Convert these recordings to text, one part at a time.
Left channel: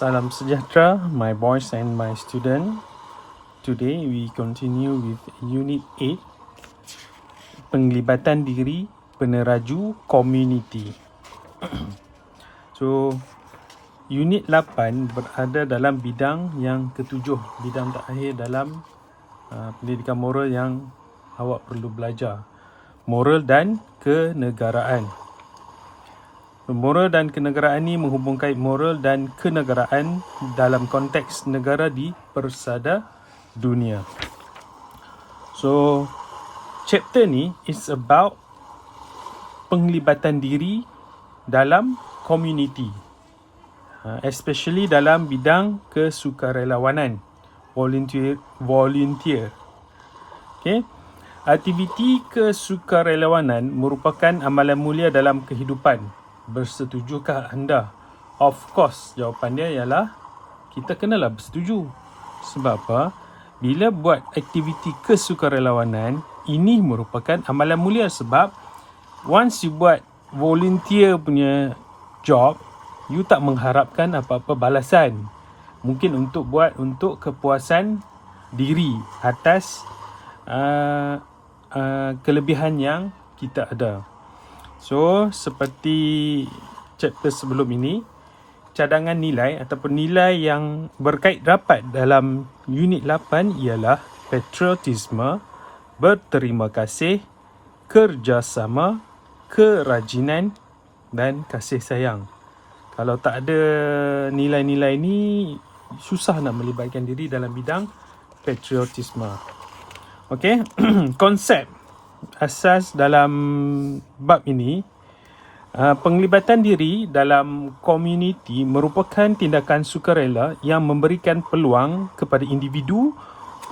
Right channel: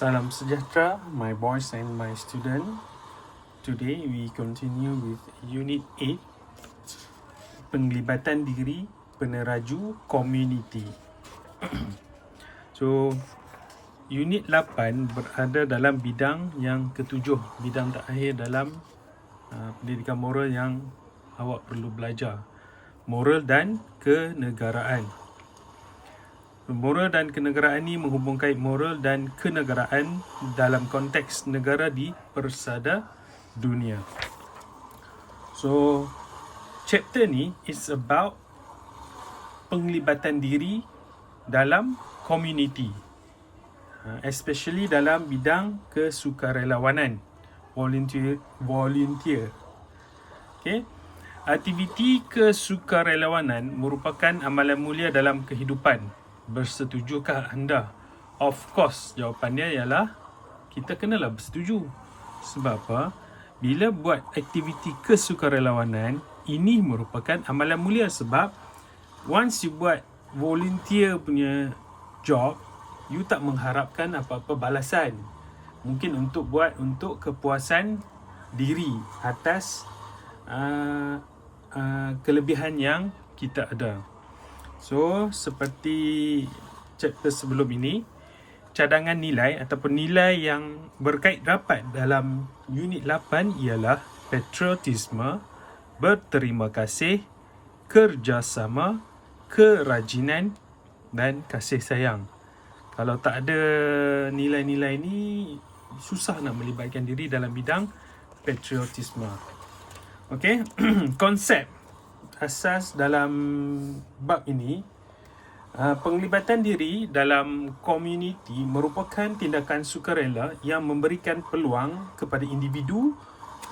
Salam sejahtera, my boys and my student. Today we continue with Unit 8, penglibatan diri peneraju community. So, Unit 8 berada dalam bidang yang ketujuh, bidang terakhir dalam pendidikan moral yang awak perlu belajar. Moral dan kenegaraan. Moral dan kenegaraan ini menghubungkan moral dan kenegaraan dalam konteks negara di persada dunia. So, chapter ni is about penglibatan diri dalam community, especially dalam bidang kesukarelawanan, volunteer. Okay? Aktiviti kesukarelawanan merupakan amalan mulia dalam kehidupan. Bersetujukah anda? Of course, jawapan dia ialah kita kenalah bersetuju. Sebab apa? Bila buat aktiviti kesukarelawanan, ini merupakan amalan mulia sebab once you buat volunteer punya job, you tak mengharapkan apa-apa balasan. Mungkin untuk kepuasan diri atas kelebihan yang kita ada. So, seperti chapter sebelum ini, cadangan nilai ataupun nilai yang berkait rapat dalam unit 8 ialah patriotisme, berterima kasih, kerjasama, kerajinan dan kasih sayang. Kalau tak ada nilai-nilai ni, susah nak melibatkan diri dalam bidang patriotisme. Okey, konsep asas dalam bab ini, penglibatan diri dalam komuniti merupakan tindakan sukarela yang memberikan peluang kepada individu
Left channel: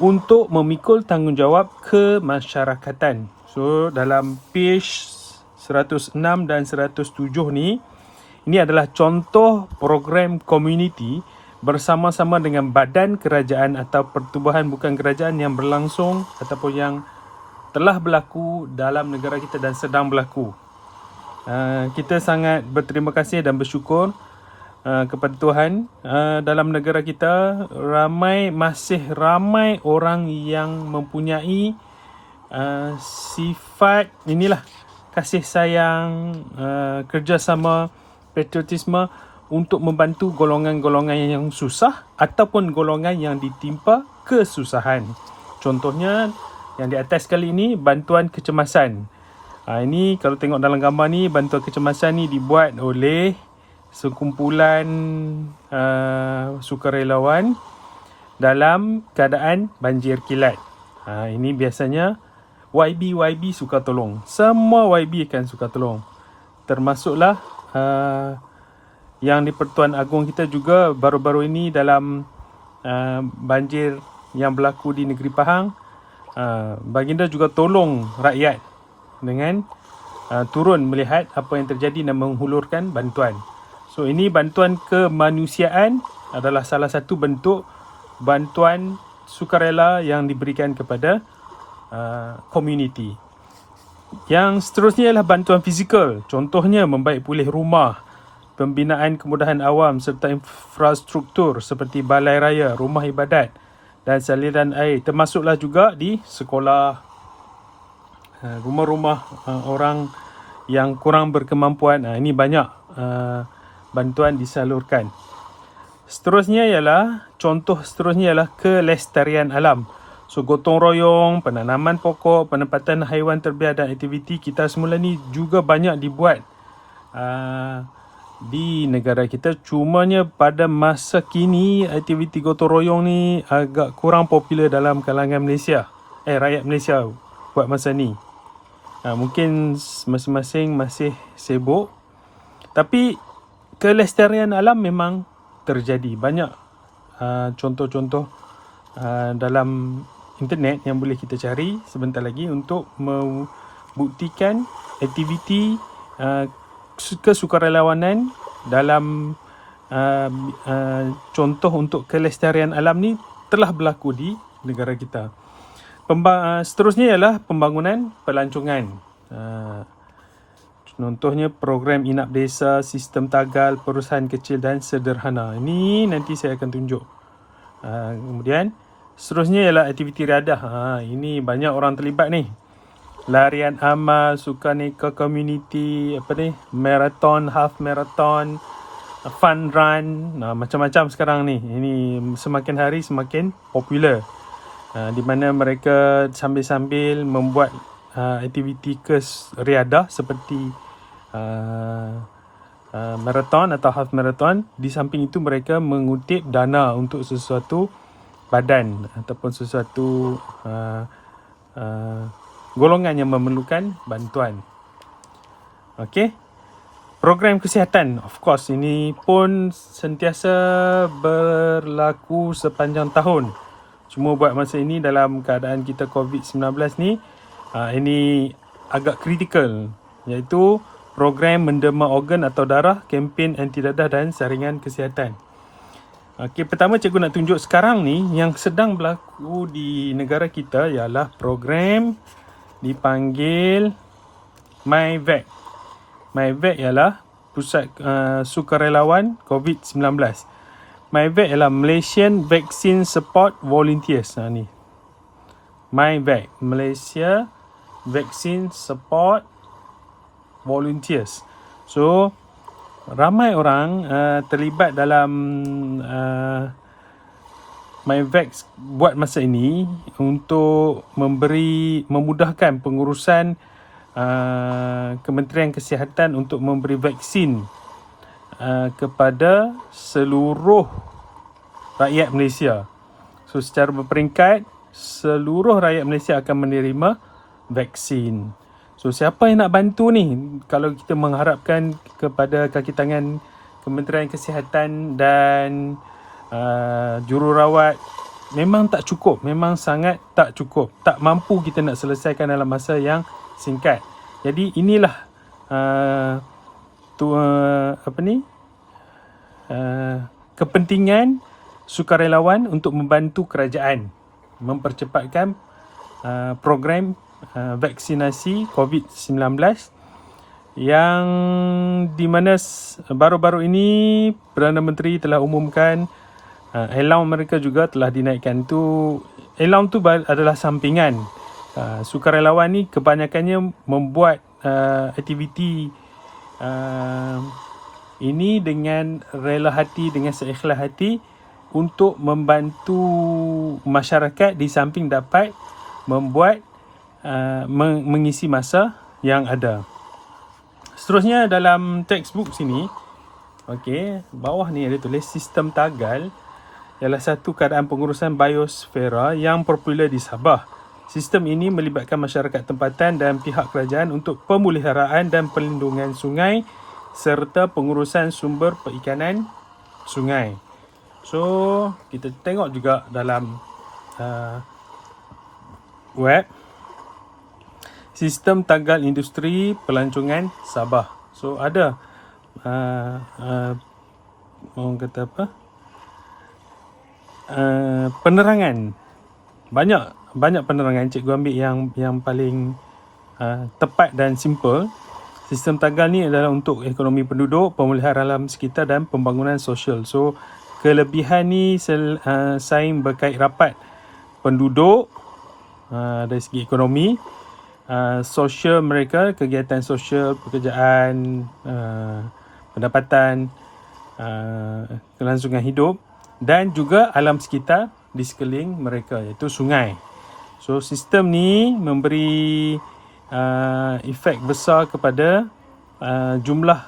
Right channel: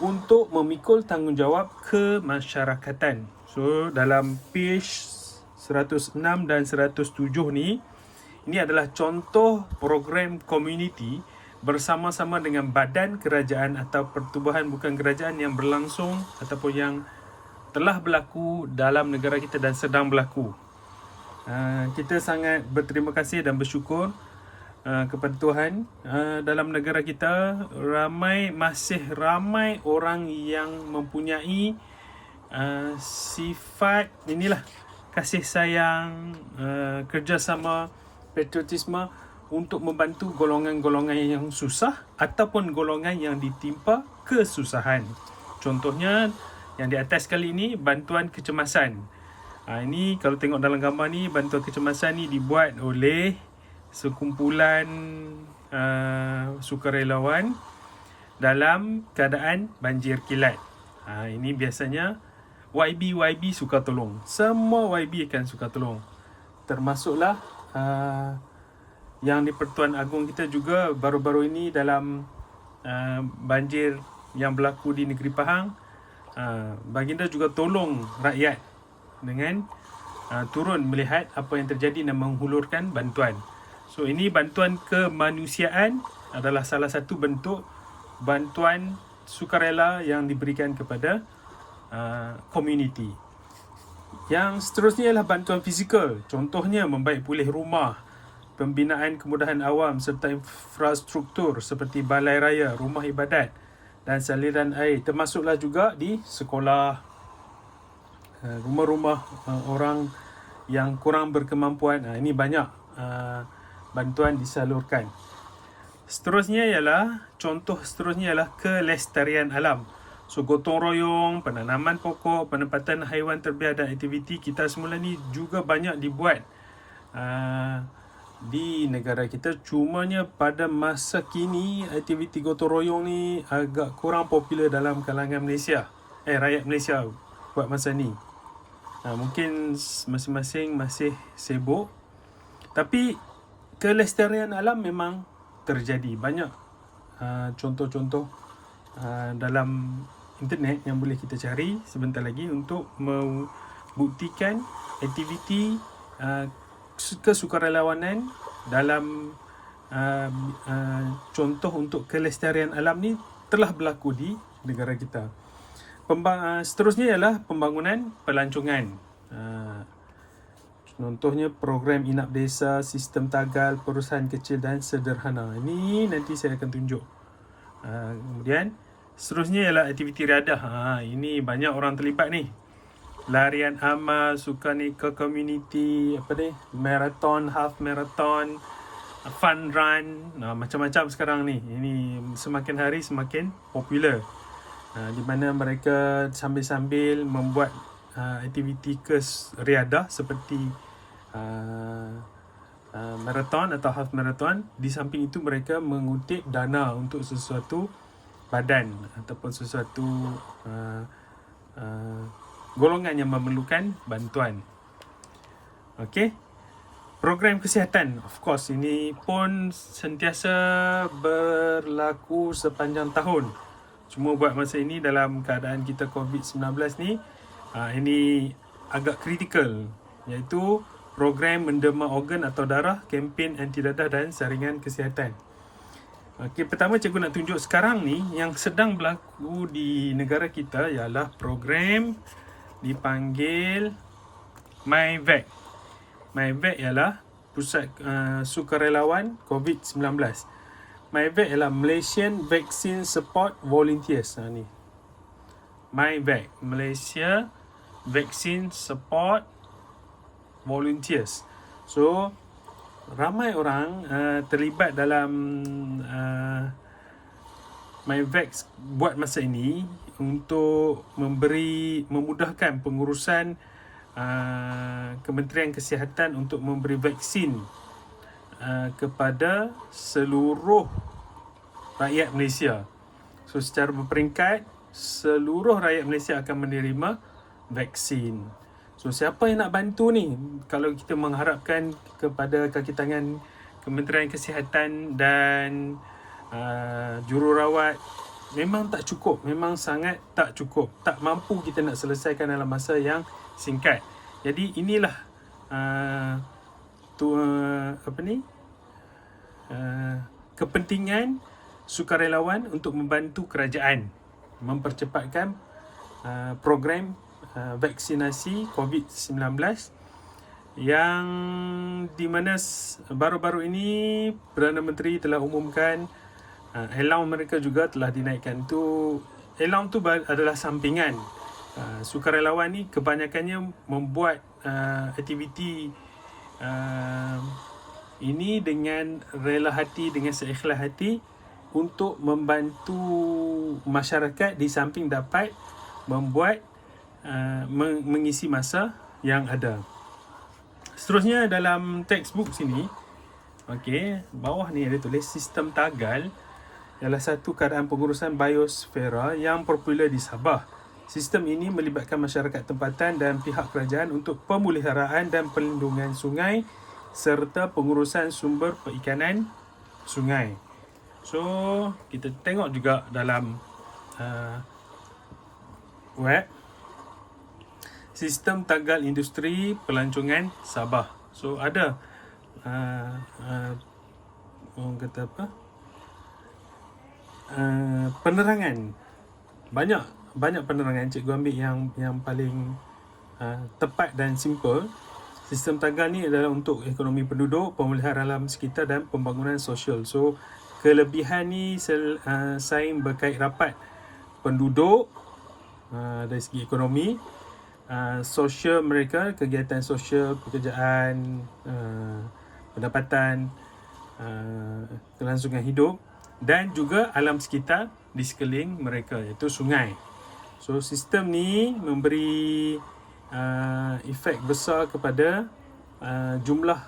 untuk memikul tanggungjawab kemasyarakatan. So, dalam page 106 dan 107 ni, ini adalah contoh program komuniti bersama-sama dengan badan kerajaan atau pertubuhan bukan kerajaan yang berlangsung ataupun yang telah berlaku dalam negara kita dan sedang berlaku. Kita sangat berterima kasih dan bersyukur kepada Tuhan. Dalam negara kita masih ramai orang yang mempunyai sifat inilah kasih sayang, kerjasama, patriotisme untuk membantu golongan-golongan yang susah ataupun golongan yang ditimpa kesusahan. Contohnya yang di atas kali ini, bantuan kecemasan. Ini kalau tengok dalam gambar ni, bantuan kecemasan ni dibuat oleh sekumpulan sukarelawan dalam keadaan banjir kilat. Ini biasanya YB suka tolong. Semua YB akan suka tolong. Termasuklah yang di Pertuan Agong kita juga baru-baru ini dalam banjir yang berlaku di negeri Pahang. Baginda juga tolong rakyat dengan turun melihat apa yang terjadi dan menghulurkan bantuan. So, ini bantuan kemanusiaan adalah salah satu bentuk bantuan sukarela yang diberikan kepada komuniti. Yang seterusnya ialah bantuan fizikal. Contohnya membaik pulih rumah, pembinaan kemudahan awam serta infrastruktur seperti balai raya, rumah ibadat dan saliran air, termasuklah juga di sekolah, rumah-rumah orang yang kurang berkemampuan. Ini banyak bantuan disalurkan. Contoh seterusnya ialah kelestarian alam. So, gotong royong, penanaman pokok, penempatan haiwan terbiar dan aktiviti kita semula ni juga banyak dibuat di negara kita. Cumanya pada masa kini aktiviti gotong royong ni agak kurang popular dalam kalangan Malaysia, rakyat Malaysia buat masa ni. Mungkin masing-masing masih sibuk, tapi kelestarian alam memang terjadi. Banyak contoh-contoh dalam internet yang boleh kita cari sebentar lagi untuk membuktikan aktiviti kesukarelawanan dalam contoh untuk kelestarian alam ni telah berlaku di negara kita. Seterusnya ialah pembangunan pelancongan. Contohnya program inap desa, sistem tagal, perusahaan kecil dan sederhana. Ini nanti saya akan tunjuk. Kemudian seterusnya ialah aktiviti riadah. Ini banyak orang terlibat ni. Larian amal, sukaneka community, marathon, half marathon, fun run, macam-macam sekarang ni. Ini semakin hari semakin popular. Di mana mereka sambil-sambil membuat aktiviti riadah seperti marathon atau half marathon. Di samping itu mereka mengutip dana untuk sesuatu badan ataupun sesuatu golongan yang memerlukan bantuan. Okey. Program kesihatan, of course, ini pun sentiasa berlaku sepanjang tahun. Cuma buat masa ini dalam keadaan kita COVID-19 ni, ini agak kritikal, iaitu program mendema organ atau darah, kempen anti dadah dan saringan kesihatan. Okey, pertama cikgu nak tunjuk sekarang ni yang sedang berlaku di negara kita ialah program dipanggil MyVac. MyVac ialah Pusat Sukarelawan COVID-19. MyVac ialah Malaysian Vaccine Support Volunteers. Ni MyVac, Malaysia Vaccine Support Volunteers. So ramai orang terlibat dalam MyVac buat masa ini untuk memudahkan pengurusan Kementerian Kesihatan untuk memberi vaksin kepada seluruh rakyat Malaysia. So secara berperingkat, seluruh rakyat Malaysia akan menerima vaksin. So siapa yang nak bantu ni? Kalau kita mengharapkan kepada kaki tangan Kementerian Kesihatan dan jururawat, memang tak cukup, memang sangat tak cukup. Tak mampu kita nak selesaikan dalam masa yang singkat. Jadi inilah kepentingan sukarelawan untuk membantu kerajaan mempercepatkan program vaksinasi COVID-19 yang di mana baru-baru ini Perdana Menteri telah umumkan allowance mereka juga telah dinaikkan. Allowance tu adalah sampingan. Sukarelawan ni kebanyakannya membuat aktiviti ini dengan rela hati, dengan seikhlas hati untuk membantu masyarakat di samping dapat membuat mengisi masa yang ada. Seterusnya dalam textbook sini, okey, bawah ni ada tulis sistem tagal ialah satu keadaan pengurusan biosfera yang popular di Sabah. Sistem ini melibatkan masyarakat tempatan dan pihak kerajaan untuk pemeliharaan dan perlindungan sungai serta pengurusan sumber perikanan sungai. So, kita tengok juga dalam web Sistem Tagal Industri Pelancongan Sabah. So, ada orang kata apa? Penerangan. Banyak penerangan. Cikgu ambil yang paling tepat dan simple. Sistem tagal ni adalah untuk ekonomi penduduk, pemeliharaan alam sekitar dan pembangunan sosial. So, kelebihan ni saing berkait rapat penduduk dari segi ekonomi, sosial mereka, kegiatan sosial, pekerjaan, pendapatan, kelangsungan hidup dan juga alam sekitar di sekeliling mereka, iaitu sungai. So sistem ni memberi efek besar kepada jumlah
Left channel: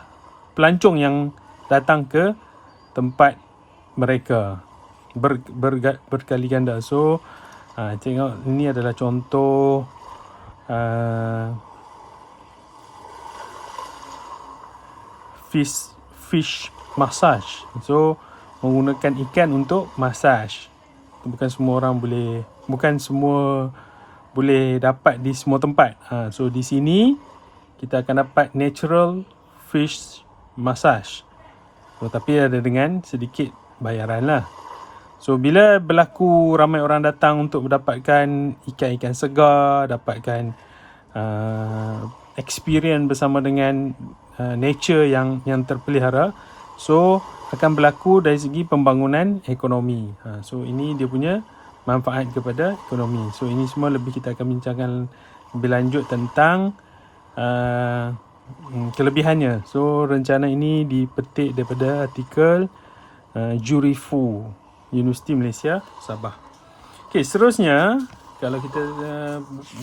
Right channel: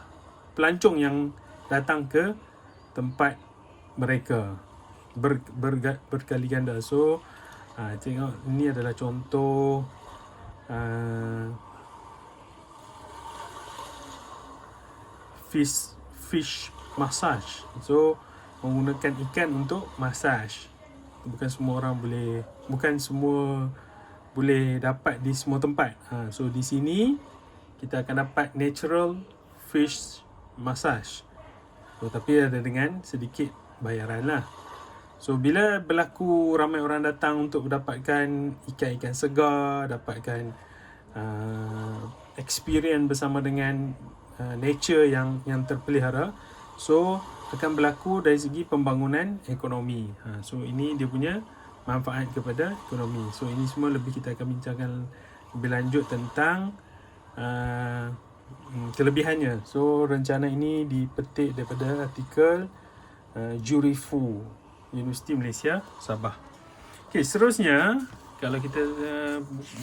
pelancong yang datang ke tempat mereka berkali ganda. So tengok, ini adalah contoh fish massage. So menggunakan ikan untuk massage. Bukan semua boleh dapat di semua tempat. So di sini kita akan dapat natural fish massage. So, tapi ada dengan sedikit bayaran lah. So bila berlaku ramai orang datang untuk mendapatkan ikan-ikan segar, dapatkan experience bersama dengan nature yang terpelihara. So akan berlaku dari segi pembangunan ekonomi. So ini dia punya manfaat kepada ekonomi. So ini semua lebih kita akan bincangkan lebih lanjut tentang kelebihannya. So rencana ini dipetik daripada artikel Juri Fu, Universiti Malaysia, Sabah. Okey, seterusnya kalau kita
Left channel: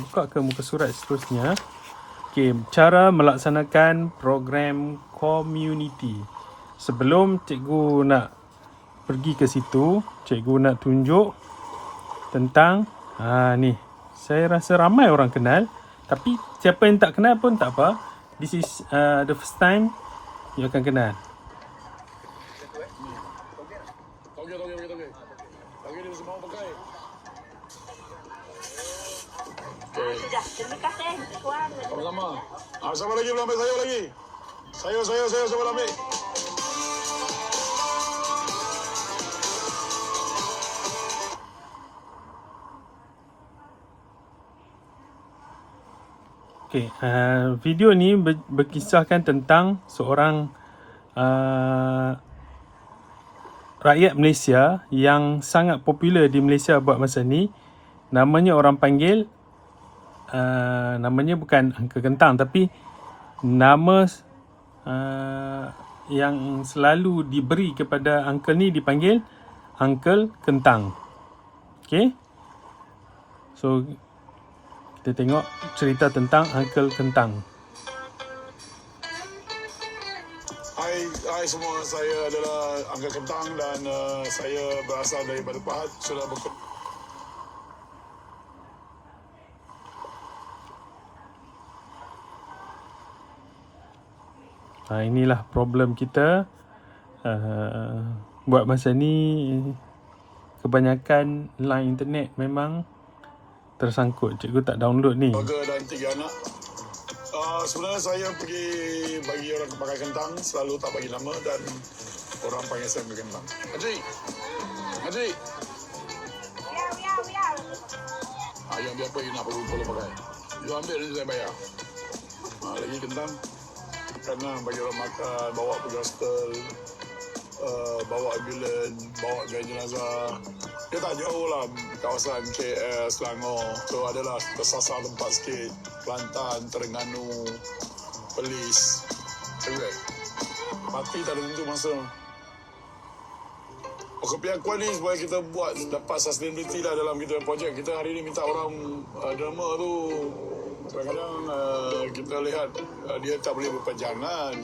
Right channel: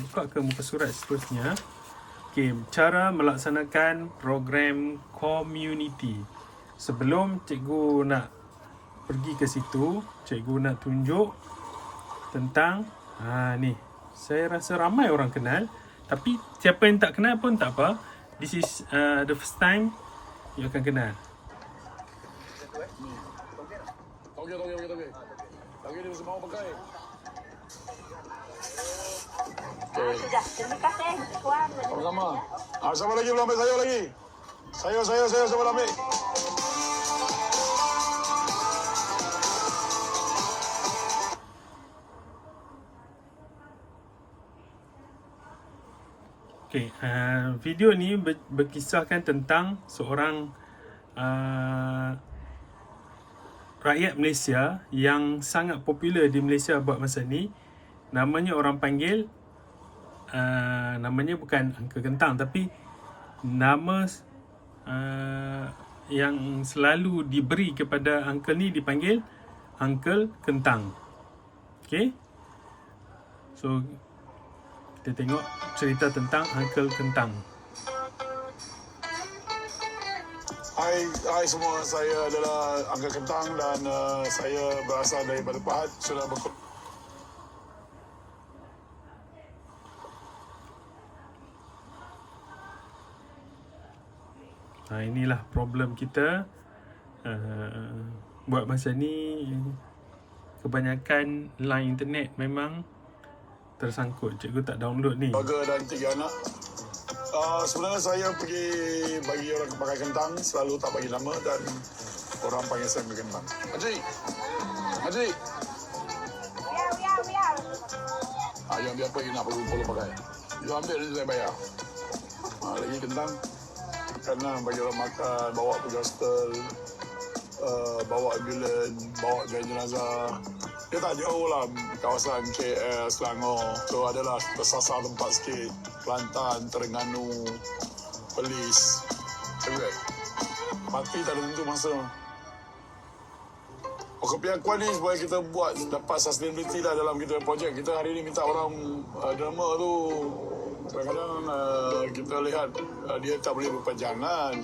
buka ke muka surat seterusnya. Okey, cara melaksanakan program community. Sebelum cikgu nak pergi ke situ, cikgu nak tunjuk tentang ni. Saya rasa ramai orang kenal, tapi siapa yang tak kenal pun tak apa. This is the first time you akan kenal. Okey dia semua pakai. Sudah, terima kasih tuan. Sama-sama. Siapa lagi belum ambil sayur lagi? Sayur siapa nak ambil? Okay, video ni berkisahkan tentang seorang rakyat Malaysia yang sangat popular di Malaysia buat masa ni. Namanya orang panggil namanya bukan Uncle Kentang, tapi nama yang selalu diberi kepada uncle ni dipanggil Uncle Kentang. Okay, so kita tengok cerita tentang Uncle Kentang. Hai semua, saya adalah Uncle Kentang dan saya berasal daripada Pahang. Sudah inilah problem kita buat masa ni. Kebanyakan line internet memang tersangkut. Cikgu tak download ni. keluarga dan 3 anak. Sebenarnya saya pergi bagi orang pakai kentang, selalu tak bagi nama dan orang panggil saya Uncle Kentang. Haji. Yang biar you nak perlu pakai. You ambil nanti saya bayar. Lagi kentang. Kerana bagi orang makan, bawa pergi hostel, bawa ambulans, bawa gai jenazah. Dia tak jauh lah, kawasan KL, Selangor. So adalah tersasar tempat sikit. Kelantan, Terengganu, Perlis. Everywhere. Mati tak ada tentu masa. Kepiakuan ni supaya kita buat dapat sustainability lah dalam kita projek. Kita hari ni minta orang derma tu. Kadang-kadang kita lihat dia tak boleh berpanjangan.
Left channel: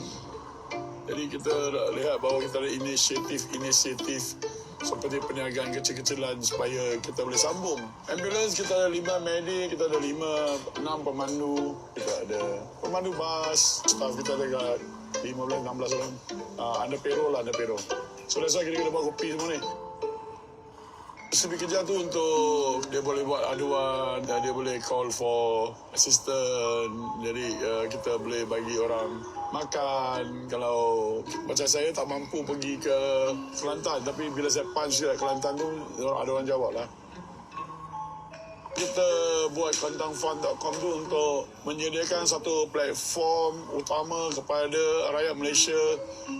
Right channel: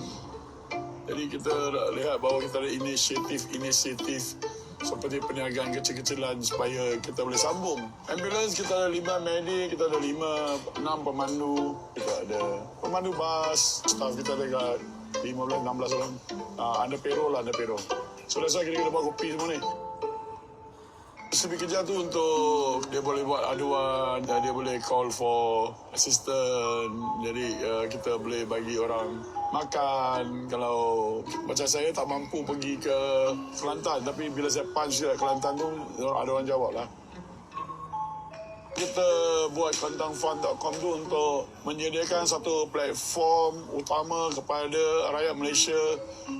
Jadi kita lihat bahawa kita ada inisiatif seperti perniagaan kecil-kecilan supaya kita boleh sambung. Ambulans kita ada 5 medik, kita ada 6 pemandu, kita ada pemandu bas, staff kita ada 15-16 orang. Ada payroll. So that's why kita buat kopi semua ni. Lebih kerja tu untuk dia boleh buat aduan dan dia boleh call for assistant. Jadi kita boleh bagi orang makan. Kalau macam saya tak mampu pergi ke Kelantan, tapi bila saya punch ke Kelantan tu ada orang jawab lah. Kita buat kentangfund.com tu untuk menyediakan satu platform utama kepada rakyat Malaysia.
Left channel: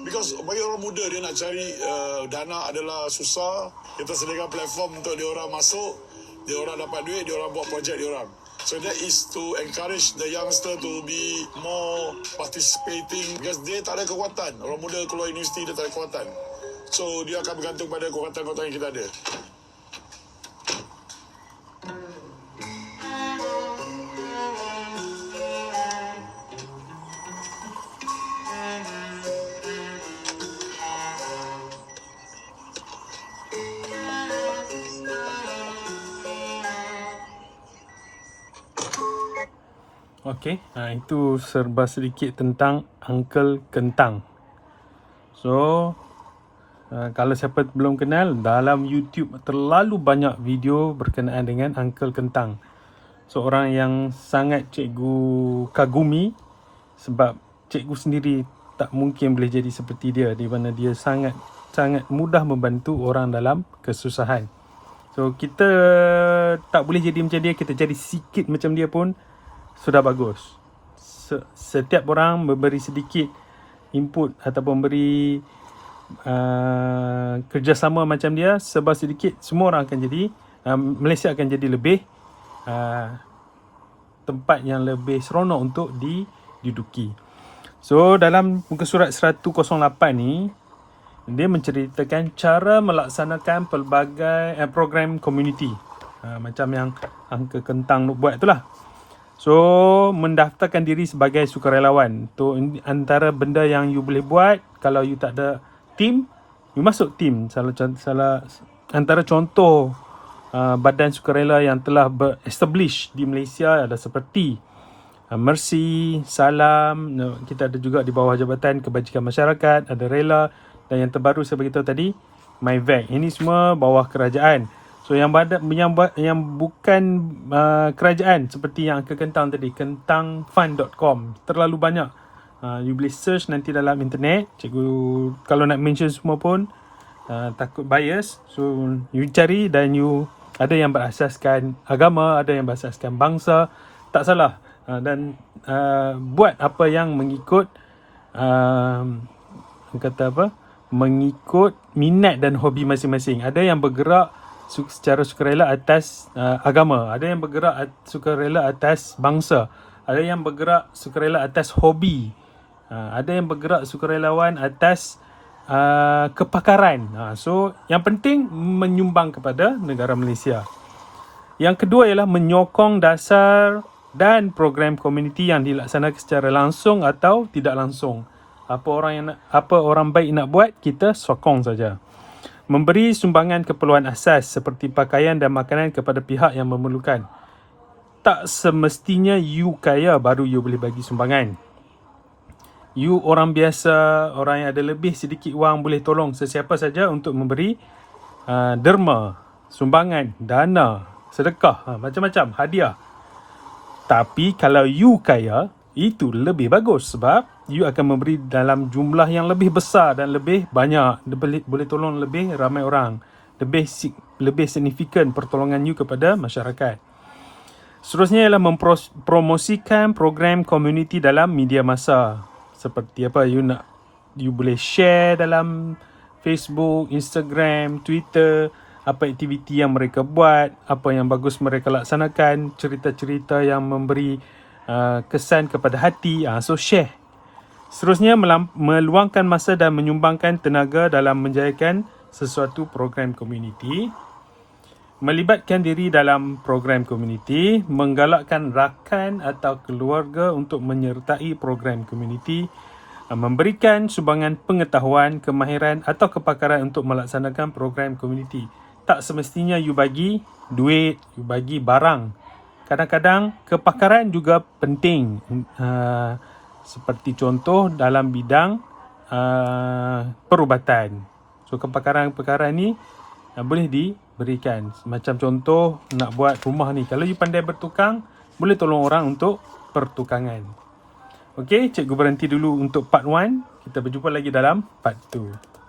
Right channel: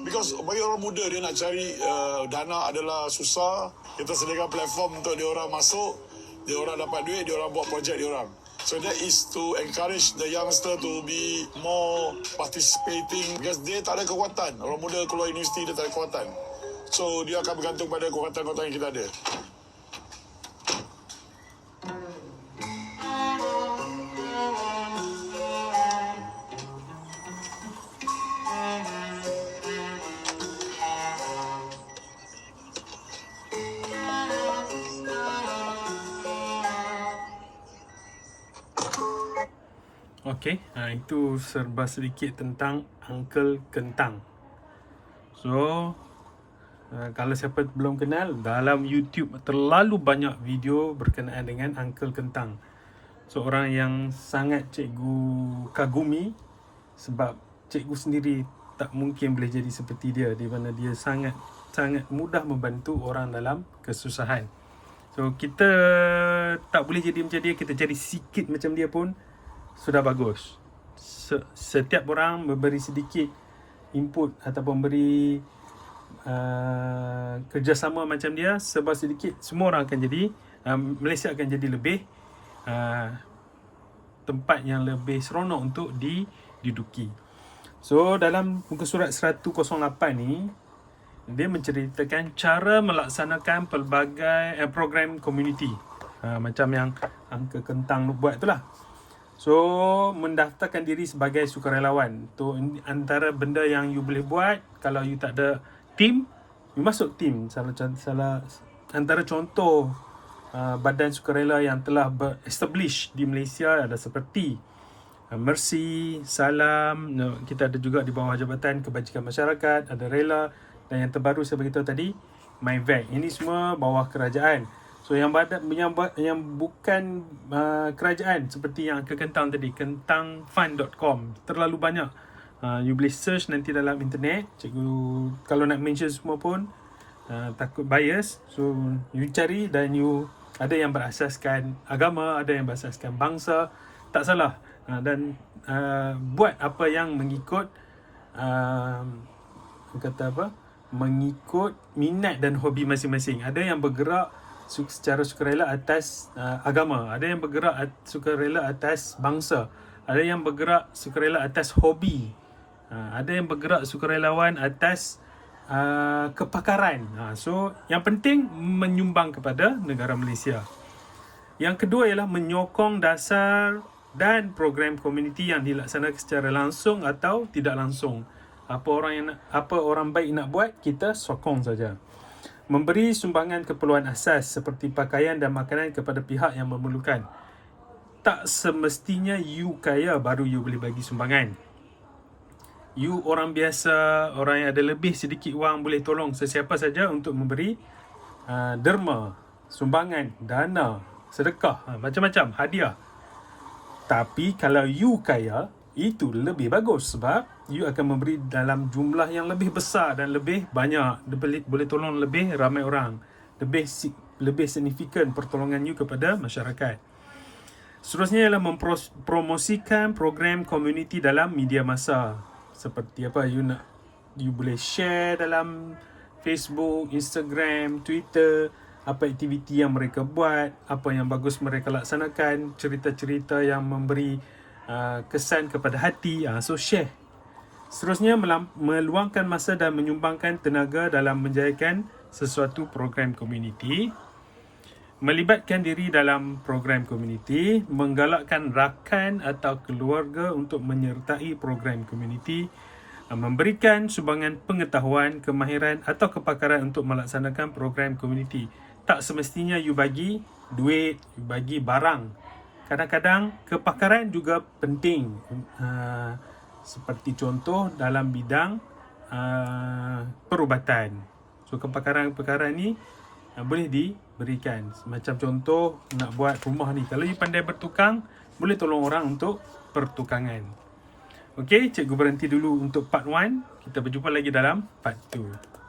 Because bagi orang muda dia nak cari dana adalah susah. Kita sediakan platform untuk dia orang masuk, dia orang dapat duit, dia orang buat projek dia orang. So that is to encourage the youngster to be more participating because dia tak ada kekuatan. Orang muda keluar universiti dia tak ada kekuatan. So dia akan bergantung pada kekuatan-kekuatan yang kita ada. Okey, itu serba sedikit tentang Uncle Kentang. So, kalau siapa belum kenal, dalam YouTube terlalu banyak video berkenaan dengan Uncle Kentang. Seorang yang sangat cikgu kagumi sebab cikgu sendiri tak mungkin boleh jadi seperti dia, di mana dia sangat mudah membantu orang dalam kesusahan. So, kita tak boleh jadi macam dia, kita jadi sikit macam dia pun sudah bagus. setiap orang memberi sedikit input ataupun beri kerjasama macam dia, sebab sedikit semua orang akan jadi Malaysia akan jadi lebih tempat yang lebih seronok untuk diduduki. So dalam muka surat 108 ni, dia menceritakan cara melaksanakan pelbagai program community, macam yang Angka Kentang buat itulah. So mendaftarkan diri sebagai sukarelawan tu antara benda yang you boleh buat. Kalau you tak ada team, you masuk team. Antara contoh badan sukarela yang telah establish di Malaysia ada seperti Mercy, Salam, kita ada juga di bawah Jabatan Kebajikan Masyarakat, ada Rela, dan yang terbaru saya beritahu tadi, MyVac. Ini semua bawah kerajaan. So yang bukan kerajaan seperti yang Angka Kentang tadi, kentangfund.com, terlalu banyak. You boleh search nanti dalam internet. Cikgu kalau nak mention semua pun takut bias. So you cari dan you ada yang berasaskan agama, ada yang berasaskan bangsa. Tak salah. Dan buat apa yang mengikut mengikut minat dan hobi masing-masing. Ada yang bergerak secara sukarela atas agama, ada yang bergerak sukarela atas bangsa, ada yang bergerak sukarela atas hobi, ada yang bergerak sukarelawan atas kepakaran. So yang penting menyumbang kepada negara Malaysia. Yang kedua ialah menyokong dasar dan program komuniti yang dilaksanakan secara langsung atau tidak langsung. Apa orang baik nak buat, kita sokong saja. Memberi sumbangan keperluan asas seperti pakaian dan makanan kepada pihak yang memerlukan. Tak semestinya you kaya baru you boleh bagi sumbangan. You orang biasa, orang yang ada lebih sedikit wang, boleh tolong sesiapa saja untuk memberi derma, sumbangan, dana, sedekah, macam-macam, hadiah. Tapi kalau you kaya, itu lebih bagus sebab you akan memberi dalam jumlah yang lebih besar dan lebih banyak. Boleh tolong lebih ramai orang. Lebih signifikan pertolongan you kepada masyarakat. Seterusnya ialah mempromosikan program community dalam media masa. Seperti apa you boleh share dalam Facebook, Instagram, Twitter, apa aktiviti yang mereka buat, apa yang bagus mereka laksanakan, cerita-cerita yang memberi kesan kepada hati. So share. Seterusnya meluangkan masa dan menyumbangkan tenaga dalam menjayakan sesuatu program komuniti. Melibatkan diri dalam program komuniti, menggalakkan rakan atau keluarga untuk menyertai program komuniti, memberikan sumbangan pengetahuan, kemahiran atau kepakaran untuk melaksanakan program komuniti. Tak semestinya you bagi duit, you bagi barang. Kadang-kadang kepakaran juga penting. Seperti contoh dalam bidang perubatan. So kepakaran-kepakaran ni boleh diberikan. Macam contoh nak buat rumah ni, kalau you pandai bertukang, boleh tolong orang untuk pertukangan. Okey, cikgu berhenti dulu untuk part 1. Kita berjumpa lagi dalam part 2.